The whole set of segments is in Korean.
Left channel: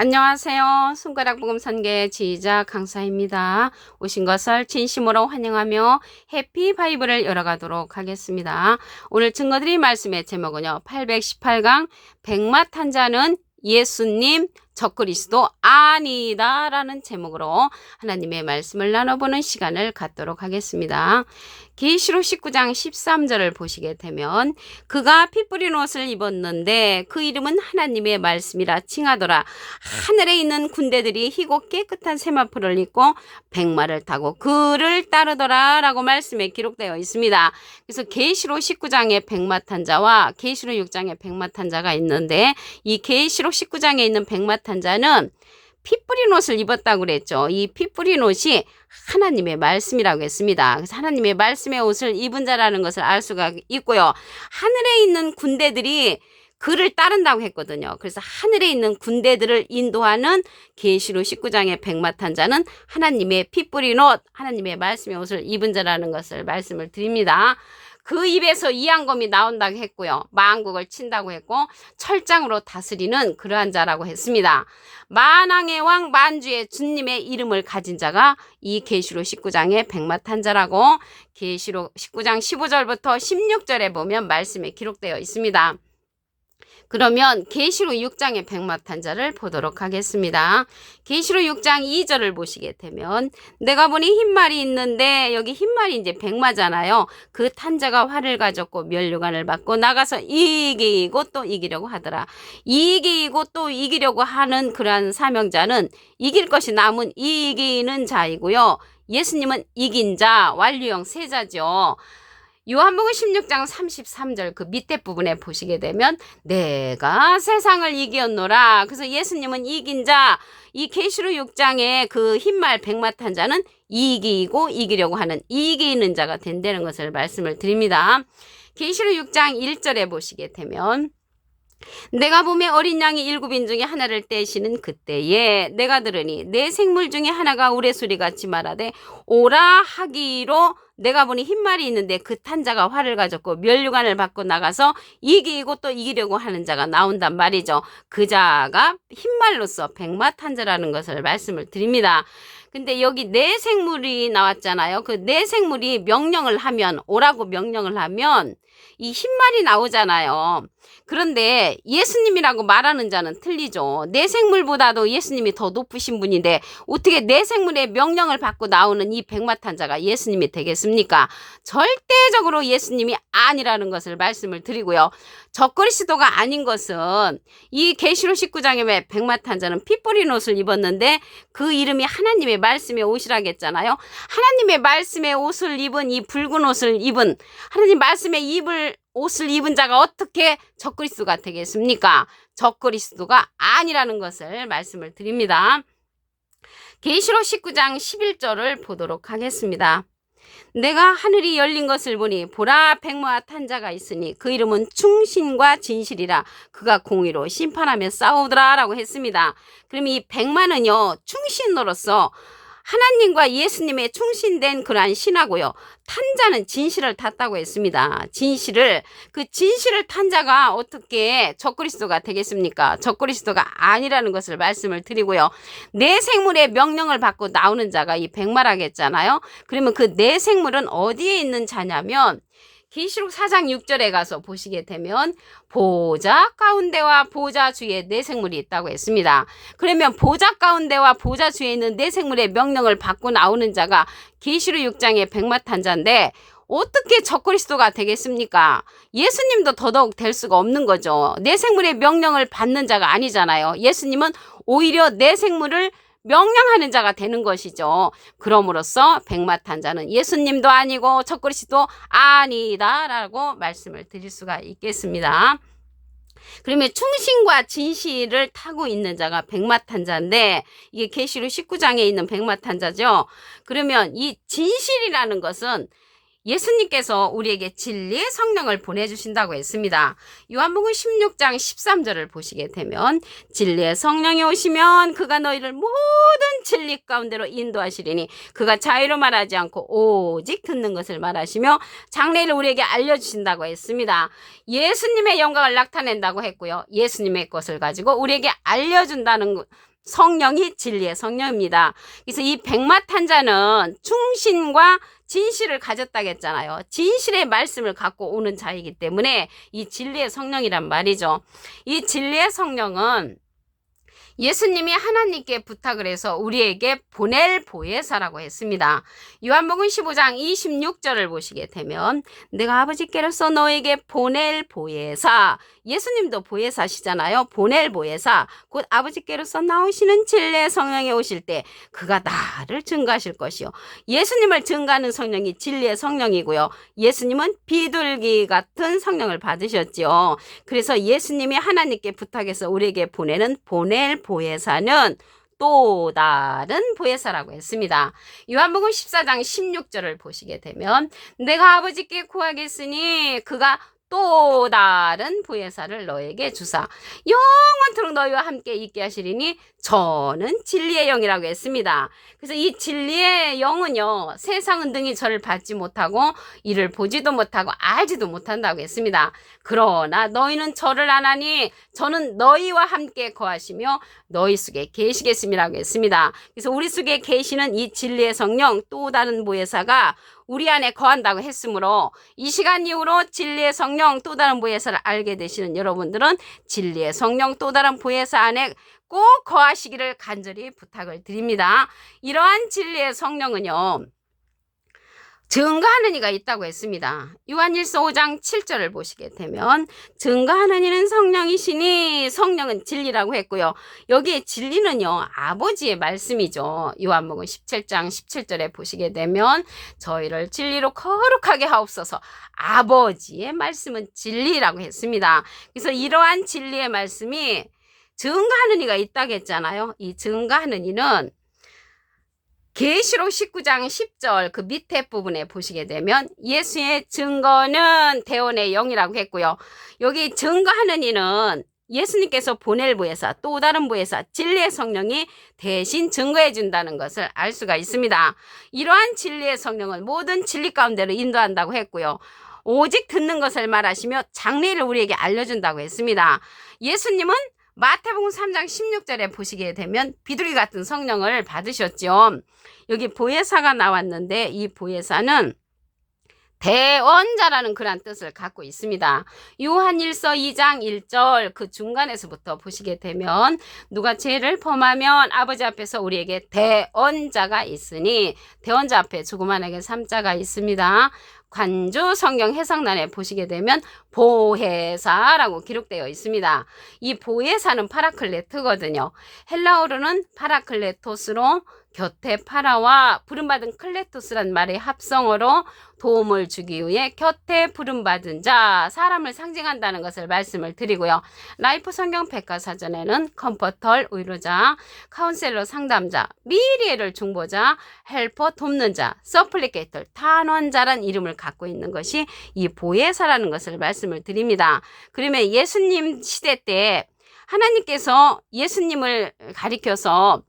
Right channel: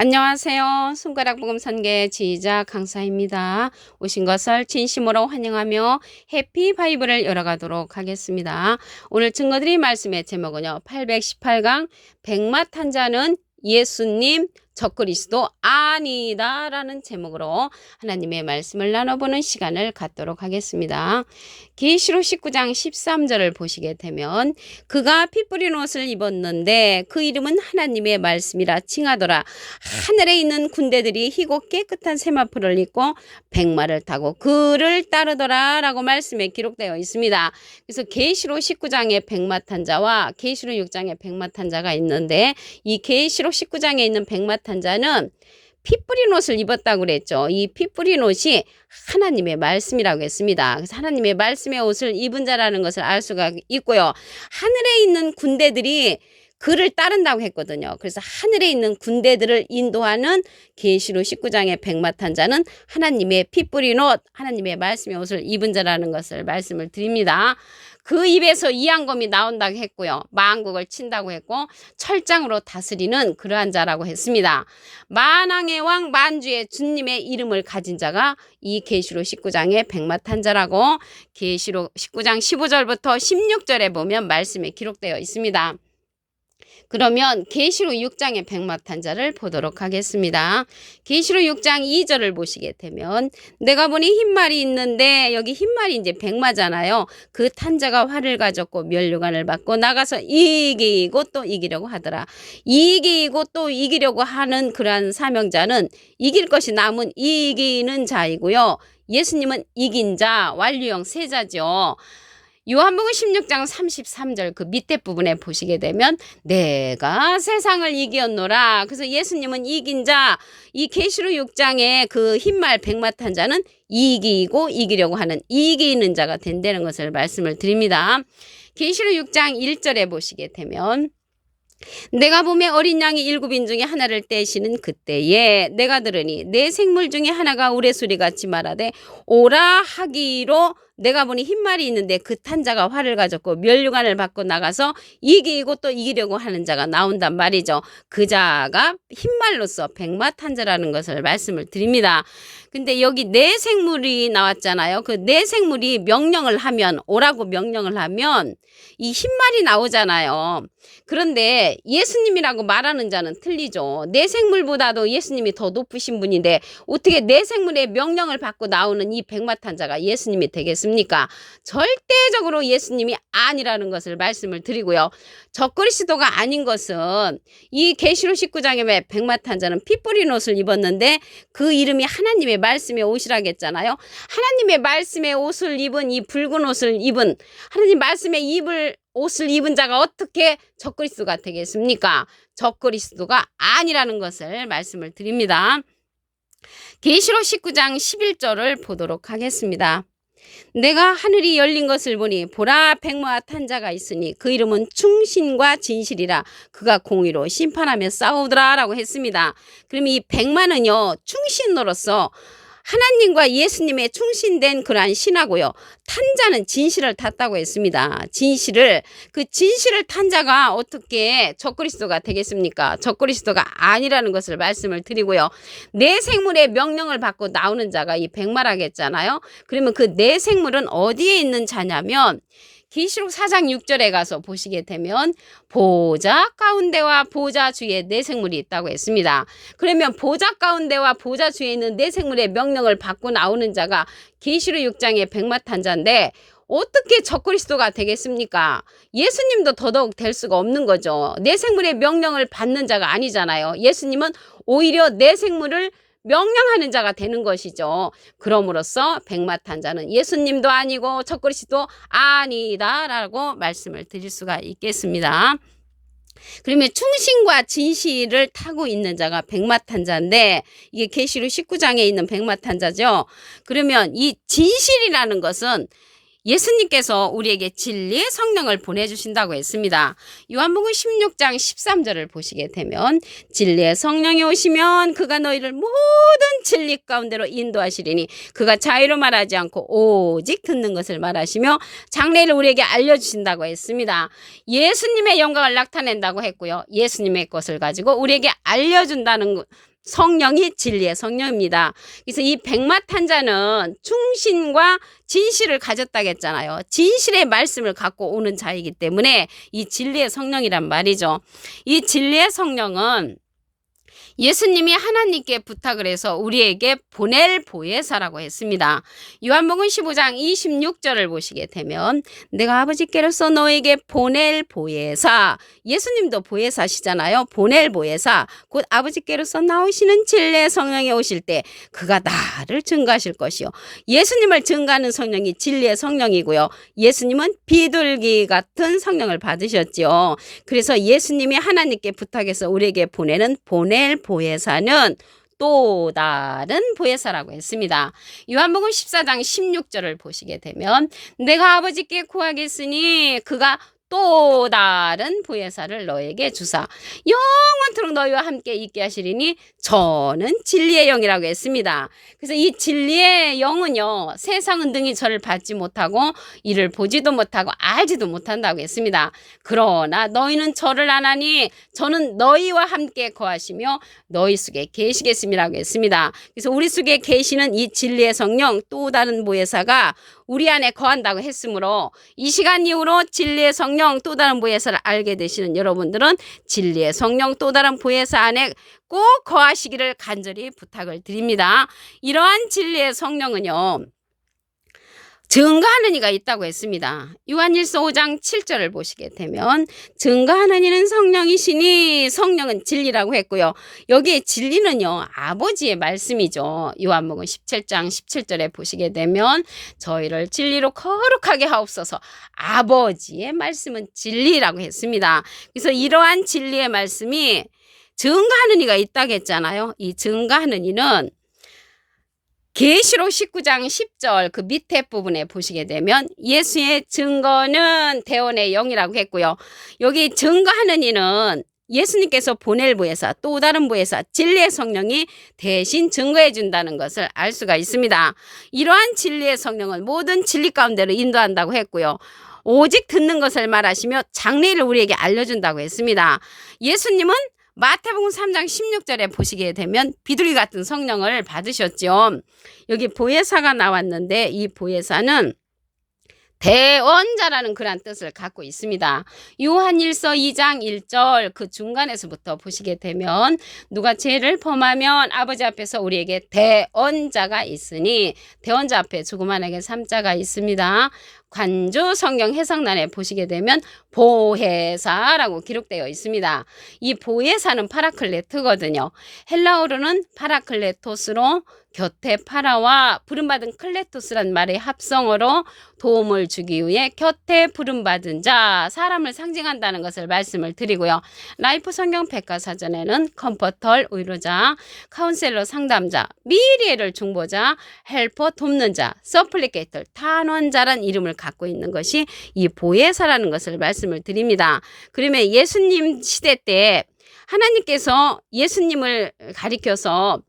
안녕하세요. 손가락 복음 선계 지휘자 강사입니다. 오신 것을 진심으로 환영하며 해피 바이블을 열어가도록 하겠습니다. 오늘 증거드릴 말씀의 제목은요. 818강 백마탄 자는 예수님 적그리스도 아니다 라는 제목으로 하나님의 말씀을 나눠보는 시간을 갖도록 하겠습니다. 계시록 19장 13절을 보시게 되면 그가 피 뿌린 옷을 입었는데 그 이름은 하나님의 말씀이라 칭하더라. 하늘에 있는 군대들이 희고 깨끗한 세마포를 입고 백마를 타고 그를 따르더라 라고 말씀에 기록되어 있습니다. 그래서 계시록 19장에 백마탄 자와 계시록 6장에 백마탄 자가 있는데 이 계시록 19장에 있는 백마탄 자는 피 뿌린 옷을 입었다고 그랬죠. 이 피 뿌린 옷이 하나님의 말씀이라고 했습니다. 그래서 하나님의 말씀의 옷을 입은 자라는 것을 알 수가 있고요. 하늘에 있는 군대들이 그를 따른다고 했거든요. 그래서 하늘에 있는 군대들을 인도하는 계시록 19장의 백마탄 자는 하나님의 피 뿌린 옷, 하나님의 말씀의 옷을 입은 자라는 것을 말씀을 드립니다. 그 입에서 이양검이 나온다고 했고요. 만국을 친다고 했고 철장으로 다스리는 그러한 자라고 했습니다. 만왕의 왕 만주의 주님의 이름을 가진 자가 이 계시록 19장의 백마탄 자라고 계시록 19장 15절부터 16절에 보면 말씀에 기록되어 있습니다. 그러면 계시록 6장의 백마탄 자를 보도록 하겠습니다. 계시록 6장 2절을 보시게 되면 내가 보니 흰말이 있는데 여기 흰말이 이제 백마잖아요. 그 탄자가 활을 가졌고 면류관을 받고 나가서 이기고 또 이기려고 하더라. 이기고 또 이기려고 하는 그러한 사명자는 이길 것이 남은 이기는 자이고요. 예수님은 이긴 자, 완료형 세자죠. 요한복음 16장 33절 그 밑에 부분에 보시게 되면 내가 세상을 이겼노라. 그래서 예수님은 이긴 자, 이 계시록 6장의 그 흰말 백마탄 자는 이기고 이기려고 하는 이기는 자가 된다는 것을 말씀을 드립니다. 계시록 6장 1절에 보시게 되면 내가 보매 어린 양이 7인 중에 하나를 떼시는 그때에 내가 들으니 내 생물 중에 하나가 우레소리같이 말하되 오라 하기로 내가 보니 흰말이 있는데 그 탄자가 활을 가졌고 면류관을 받고 나가서 이기고 또 이기려고 하는 자가 나온단 말이죠. 그 자가 흰말로서 백마탄자라는 것을 말씀을 드립니다. 근데 여기 내 생물이 나왔잖아요. 그 내 생물이 명령을 하면 오라고 명령을 하면 이 흰말이 나오잖아요. 그런데 예수님이라고 말하는 자는 틀리죠. 내 생물보다도 예수님이 더 높으신 분인데 어떻게 내 생물의 명령을 받고 나오는 이 백마탄 자가 예수님이 되겠습니까? 절대적으로 예수님이 아니라는 것을 말씀을 드리고요. 적그리스도가 아닌 것은 이 계시록 19장에 백마탄 자는 피 뿌린 옷을 입었는데 그 이름이 하나님의 말씀의 옷이라겠잖아요. 하나님의 말씀의 옷을 입은 이 붉은 옷을 입은 하나님 말씀의 옷을 입은 자가 어떻게 적그리스도가 되겠습니까? 적그리스도가 아니라는 것을 말씀을 드립니다. 계시록 19장 11절을 보도록 하겠습니다. 내가 하늘이 열린 것을 보니 보라 백마 탄 자가 있으니 그 이름은 충신과 진실이라 그가 공의로 심판하며 싸우더라 라고 했습니다. 그럼 이 백마는요 충신으로서 하나님과 예수님의 충신된 그러한 신하고요. 탄자는 진실을 탔다고 했습니다. 그 진실을 탄 자가 어떻게 적그리스도가 되겠습니까? 적그리스도가 아니라는 것을 말씀을 드리고요. 내 생물의 명령을 받고 나오는 자가 이 백마라겠잖아요. 그러면 그 내 생물은 어디에 있는 자냐면 계시록 4장 6절에 가서 보시게 되면 보좌 가운데와 보좌 주위에 내 생물이 있다고 했습니다. 그러면 보좌 가운데와 보좌 주위에 있는 내 생물의 명령을 받고 나오는 자가 계시록 6장의 백마탄 자인데 어떻게 적그리스도가 되겠습니까? 예수님도 더더욱 될 수가 없는 거죠. 내 생물의 명령을 받는 자가 아니잖아요. 예수님은 오히려 내 생물을 명령하는 자가 되는 것이죠. 그럼으로써 백마탄 자는 예수님도 아니고 적그리스도 아니다라고 말씀을 드릴 수가 있겠습니다. 그러면 충신과 진실을 타고 있는 자가 백마탄 자인데 이게 계시록 19장에 있는 백마탄 자죠. 그러면 이 진실이라는 것은 예수님께서 우리에게 진리의 성령을 보내주신다고 했습니다. 요한복음 16장 13절을 보시게 되면 진리의 성령이 오시면 그가 너희를 모든 진리 가운데로 인도하시리니 그가 자유로 말하지 않고 오직 듣는 것을 말하시며 장래를 우리에게 알려주신다고 했습니다. 예수님의 영광을 나타낸다고 했고요. 예수님의 것을 가지고 우리에게 알려준다는 성령이 진리의 성령입니다. 그래서 이 백마탄자는 충신과 진실을 가졌다겠잖아요. 진실의 말씀을 갖고 오는 자이기 때문에 이 진리의 성령이란 말이죠. 이 진리의 성령은 예수님이 하나님께 부탁을 해서 우리에게 보낼 보혜사라고 했습니다. 요한복음 15장 26절을 보시게 되면 내가 아버지께로서 너에게 보낼 보혜사, 예수님도 보혜사시잖아요. 보낼 보혜사, 곧 아버지께로서 나오시는 진리의 성령이 오실 때 그가 나를 증거하실 것이요. 예수님을 증거하는 성령이 진리의 성령이고요. 예수님은 비둘기 같은 성령을 받으셨지요. 그래서 예수님이 하나님께 부탁해서 우리에게 보내는 보낼 보혜사는 또 다른 보혜사라고 했습니다. 요한복음 14장 16절을 보시게 되면 내가 아버지께 구하겠으니 그가 또 다른 보혜사를 너에게 주사 영원토록 너희와 함께 있게 하시리니 저는 진리의 영이라고 했습니다. 그래서 이 진리의 영은요, 세상은 능히 저를 받지 못하고 이를 보지도 못하고 알지도 못한다고 했습니다. 그러나 너희는 저를 아나니 저는 너희와 함께 거하시며 너희 속에 계시겠음이라고 했습니다. 그래서 우리 속에 계시는 이 진리의 성령, 또 다른 보혜사가 우리 안에 거한다고 했으므로 이 시간 이후로 진리의 성령 또 다른 보혜사를 알게 되시는 여러분들은 진리의 성령 또 다른 보혜사 안에 꼭 거하시기를 간절히 부탁을 드립니다. 이러한 진리의 성령은요, 증거하는 이가 있다고 했습니다. 요한일서 5장 7절을 보시게 되면 증거하는 이는 성령이시니 성령은 진리라고 했고요. 여기에 진리는요, 아버지의 말씀이죠. 요한복음 17장 17절에 보시게 되면 저희를 진리로 거룩하게 하옵소서, 아버지의 말씀은 진리라고 했습니다. 그래서 이러한 진리의 말씀이 증거하는 이가 있다고 했잖아요. 이 증거하는 이는 계시록 19장 10절 그 밑에 부분에 보시게 되면 예수의 증거는 대원의 영이라고 했고요. 여기 증거하는 이는 예수님께서 보낼 보혜사, 또 다른 보혜사, 진리의 성령이 대신 증거해 준다는 것을 알 수가 있습니다. 이러한 진리의 성령은 모든 진리 가운데로 인도한다고 했고요. 오직 듣는 것을 말하시며 장래를 우리에게 알려준다고 했습니다. 예수님은 마태복음 3장 16절에 보시게 되면 비둘기 같은 성령을 받으셨죠. 여기 보혜사가 나왔는데 이 보혜사는 대언자라는 그런 뜻을 갖고 있습니다. 요한일서 2장 1절 그 중간에서부터 보시게 되면 누가 죄를 범하면 아버지 앞에서 우리에게 대언자가 있으니, 대언자 앞에 조그만하게 3자가 있습니다. 관주 성경 해석란에 보시게 되면 보혜사라고 기록되어 있습니다. 이 보혜사는 파라클레트거든요. 헬라어로는 파라클레토스로 곁에 파라와 부름받은 클레토스란 말의 합성어로 도움을 주기 위해 곁에 부름받은 자, 사람을 상징한다는 것을 말씀을 드리고요. 라이프 성경 백과사전에는 컴포터, 위로자, 카운셀러, 상담자, 미리에를 중보자, 헬퍼, 돕는 자, 서플리케이터, 탄원자란 이름을 갖고 있는 것이 이 보혜사라는 것을 말씀을 드립니다. 그러면 예수님 시대 때 하나님께서 예수님을 가리켜서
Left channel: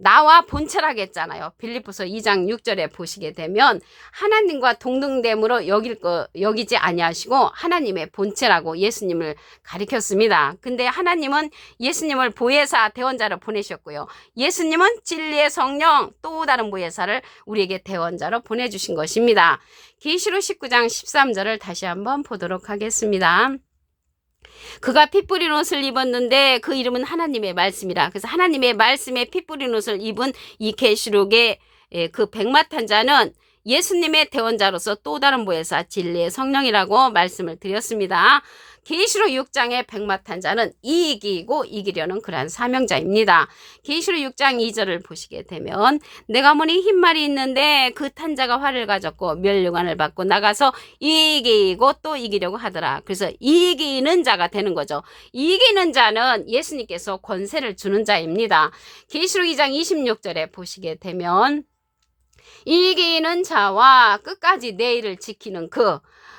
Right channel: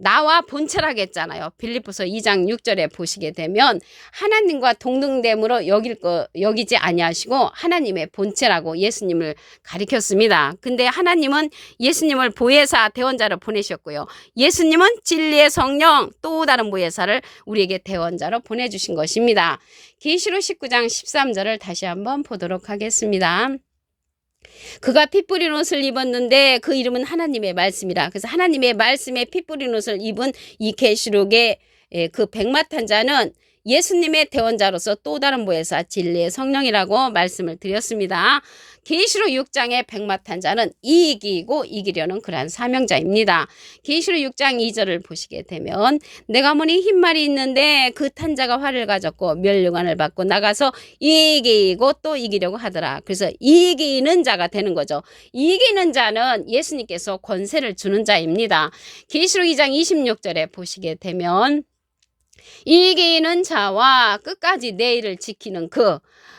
나와 본체라고 했잖아요. 빌립보서 2장 6절에 보시게 되면 하나님과 동등됨으로 여기지 아니하시고 하나님의 본체라고 예수님을 가리켰습니다. 근데 하나님은 예수님을 보혜사 대원자로 보내셨고요. 예수님은 진리의 성령 또 다른 보혜사를 우리에게 대원자로 보내주신 것입니다. 계시록 19장 13절을 다시 한번 보도록 하겠습니다. 그가 피 뿌린 옷을 입었는데 그 이름은 하나님의 말씀이라. 그래서 하나님의 말씀에 피 뿌린 옷을 입은 이 계시록의 그 백마탄자는 예수님의 대원자로서 또 다른 보혜사 진리의 성령이라고 말씀을 드렸습니다. 계시록 6장의 백마탄자는 이기고 이기려는 그러한 사명자입니다. 계시록 6장 2절을 보시게 되면 내가 보니 흰말이 있는데 그 탄자가 활을 가졌고 멸류관을 받고 나가서 이기고 또 이기려고 하더라. 그래서 이기는 자가 되는 거죠. 이기는 자는 예수님께서 권세를 주는 자입니다. 계시록 2장 26절에 보시게 되면 이기는 자와 끝까지 내 일을 지키는 그,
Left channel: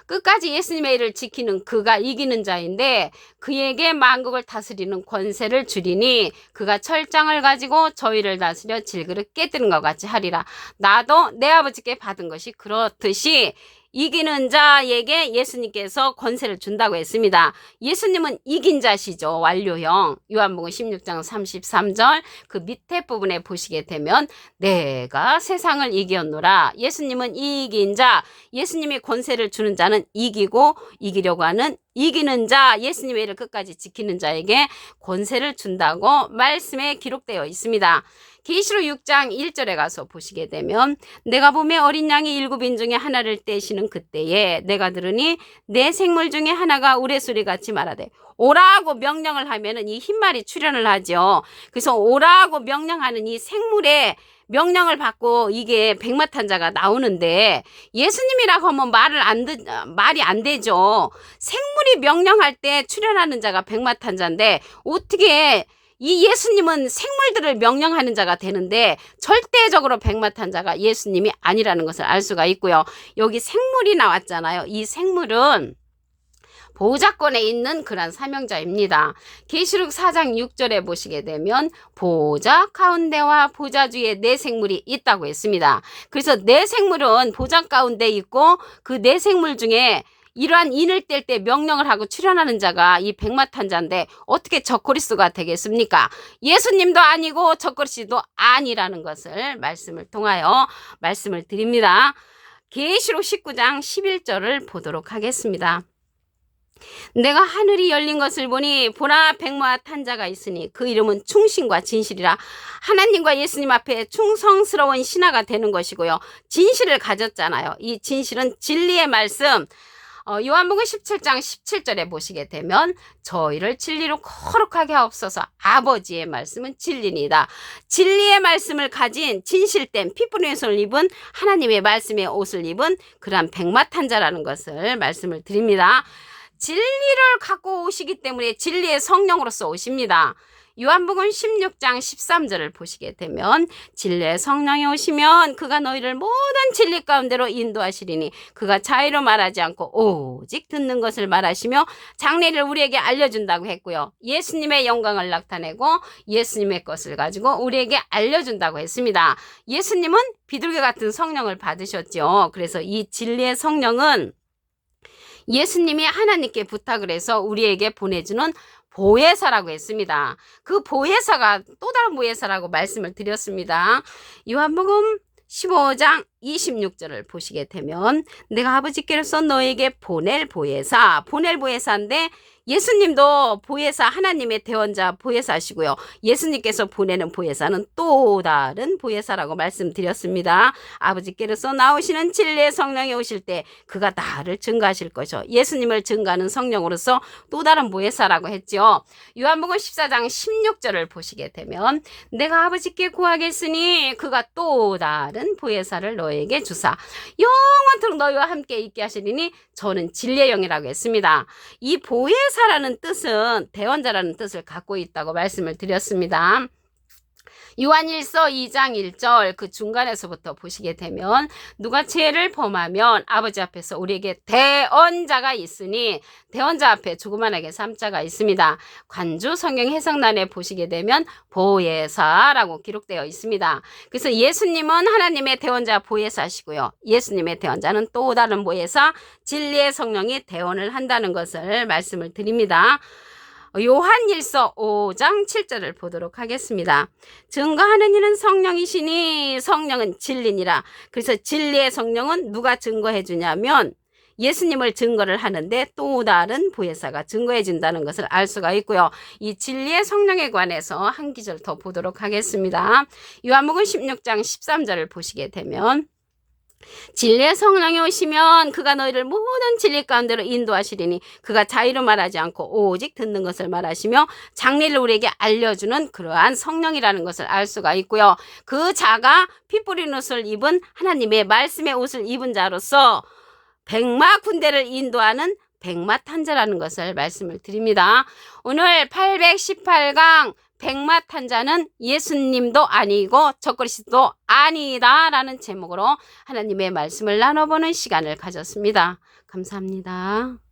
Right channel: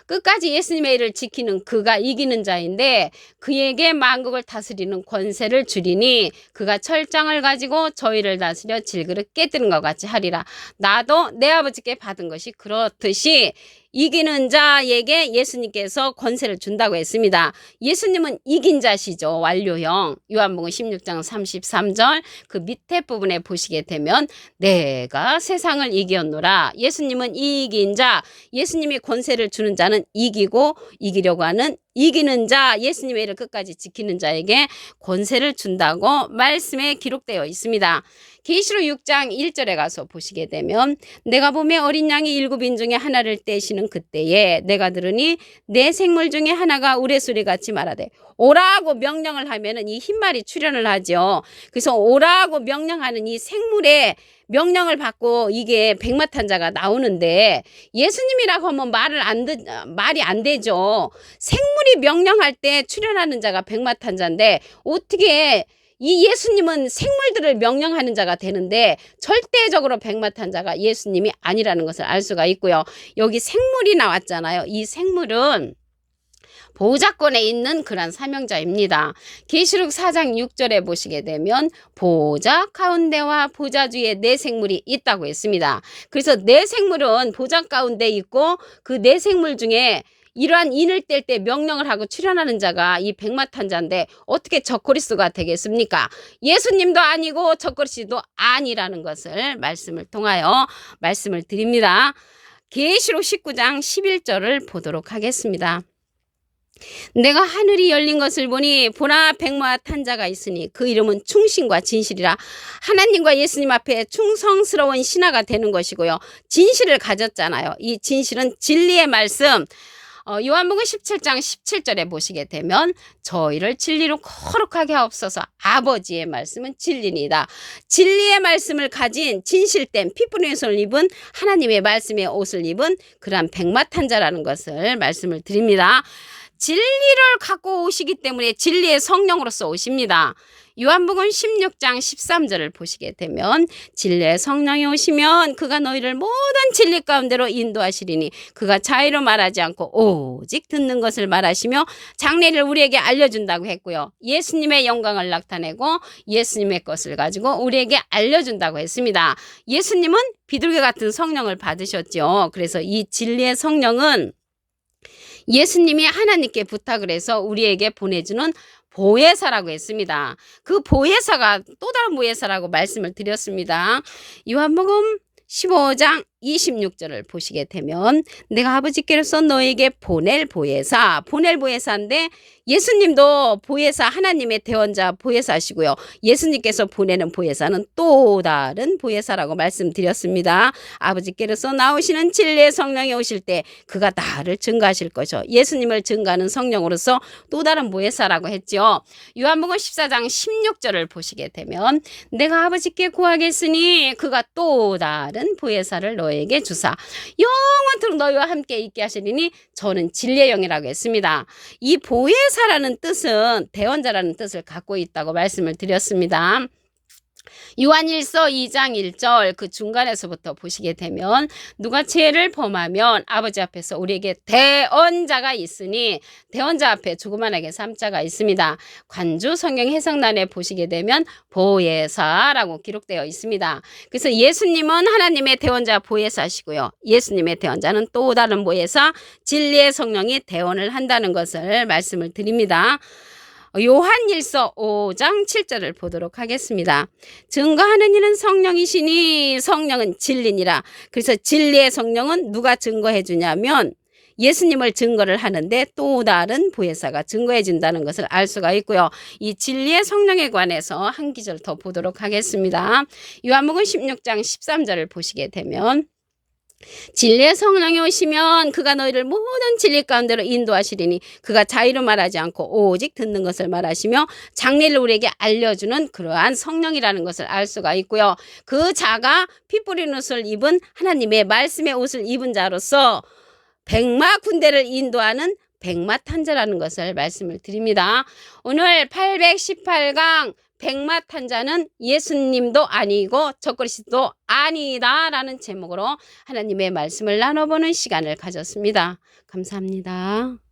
끝까지 예수님의 일을 지키는 그가 이기는 자인데 그에게 만국을 다스리는 권세를 주리니 그가 철장을 가지고 저희를 다스려 질그릇 깨뜨린 것 같이 하리라. 나도 내 아버지께 받은 것이 그렇듯이 이기는 자에게 예수님께서 권세를 준다고 했습니다. 예수님은 이긴 자시죠. 완료형. 요한복음 16장 33절 그 밑에 부분에 보시게 되면 내가 세상을 이겼노라. 예수님은 이긴 자, 예수님이 권세를 주는 자는 이기고 이기려고 하는 이기는 자, 예수님의 일을 끝까지 지키는 자에게 권세를 준다고 말씀에 기록되어 있습니다. 계시록 6장 1절에 가서 보시게 되면 내가 보매 어린 양이 7인 중에 하나를 떼시는 그때에 내가 들으니 내 생물 중에 하나가 우레소리같이 말하되 오라고 명령을 하면은 이 흰말이 출현을 하죠. 그래서 오라고 명령하는 이 생물에 명령을 받고 이게 백마탄자가 나오는데 예수님이라고 하면 말이 안 되죠. 생물이 명령할 때 출현하는 자가 백마탄자인데 어떻게 이 예수님은 생물들을 명령하는 자가 되는데 절대적으로 백마탄자가 예수님이 아니라는 것을 알 수가 있고요. 여기 생물이 나왔잖아요. 이 생물은 보좌권에 있는 그런 사명자입니다. 계시록 4장 6절에 보시게 되면 보좌 가운데와 보좌 주에 네 생물이 있다고 했습니다. 그래서 네 생물은 보좌 가운데 있고 그 네 생물 중에 이러한 인을 뗄 때 명령을 하고 출현하는 자가 이 백마탄자인데 어떻게 적그리스도가 되겠습니까? 예수님도 아니고 적그리스도도 아니라는 것을 말씀을 통하여 말씀을 드립니다. 계시록 19장 11절을 보도록 하겠습니다. 내가 하늘이 열린 것을 보니 보라 백마탄자가 있으니 그 이름은 충신과 진실이라. 하나님과 예수님 앞에 충성스러운 신하가 되는 것이고요. 진실을 가졌잖아요. 이 진실은 진리의 말씀. 요한복음 17장 17절에 보시게 되면 저희를 진리로 거룩하게 하옵소서. 아버지의 말씀은 진리니다. 진리의 말씀을 가진 진실된 피부의 옷을 입은 하나님의 말씀의 옷을 입은 그러한 백마탄자라는 것을 말씀을 드립니다. 진리를 갖고 오시기 때문에 진리의 성령으로서 오십니다. 요한복음 16장 13절을 보시게 되면 진리의 성령이 오시면 그가 너희를 모든 진리 가운데로 인도하시리니 그가 자의로 말하지 않고 오직 듣는 것을 말하시며 장래를 우리에게 알려준다고 했고요. 예수님의 영광을 나타내고 예수님의 것을 가지고 우리에게 알려준다고 했습니다. 예수님은 비둘기 같은 성령을 받으셨죠. 그래서 이 진리의 성령은 예수님이 하나님께 부탁을 해서 우리에게 보내주는 보혜사라고 했습니다. 그 보혜사가 또 다른 보혜사라고 말씀을 드렸습니다. 요한복음 15장 26절을 보시게 되면 내가 아버지께로서 너에게 보낼 보혜사인데 예수님도 보혜사 하나님의 대원자 보혜사시고요. 예수님께서 보내는 보혜사는 또 다른 보혜사라고 말씀드렸습니다. 아버지께로서 나오시는 진리의 성령이 오실 때 그가 나를 증거하실 것이요. 예수님을 증거하는 성령으로서 또 다른 보혜사라고 했죠. 요한복음 14장 16절을 보시게 되면 내가 아버지께 구하겠으니 그가 또 다른 보혜사를 너에게 주사 영원토록 너희와 함께 있게 하시리니 저는 진리의 영이라고 했습니다. 이 보혜사라는 뜻은 대원자라는 뜻을 갖고 있다고 말씀을 드렸습니다. 요한일서 2장 1절 그 중간에서부터 보시게 되면 누가 죄를 범하면 아버지 앞에서 우리에게 대언자가 있으니 대언자 앞에 조그만하게 3자가 있습니다. 관주 성경 해석란에 보시게 되면 보혜사라고 기록되어 있습니다. 그래서 예수님은 하나님의 대언자 보혜사시고요. 예수님의 대언자는 또 다른 보혜사 진리의 성령이 대언을 한다는 것을 말씀을 드립니다. 요한일서 5장 7절을 보도록 하겠습니다. 증거하는 이는 성령이시니 성령은 진리니라. 그래서 진리의 성령은 누가 증거해 주냐면 예수님을 증거를 하는데 또 다른 보혜사가 증거해 준다는 것을 알 수가 있고요. 이 진리의 성령에 관해서 한 기절 더 보도록 하겠습니다. 요한복음 16장 13절을 보시게 되면 진리의 성령이 오시면 그가 너희를 모든 진리 가운데로 인도하시리니 그가 자의로 말하지 않고 오직 듣는 것을 말하시며 장래를 우리에게 알려주는 그러한 성령이라는 것을 알 수가 있고요. 그 자가 피 뿌린 옷을 입은 하나님의 말씀의 옷을 입은 자로서 백마 군대를 인도하는 백마탄자라는 것을 말씀을 드립니다. 오늘 818강 백마탄자는 예수님도 아니고 적그리스도 아니다라는 제목으로 하나님의 말씀을 나눠보는 시간을 가졌습니다. 감사합니다.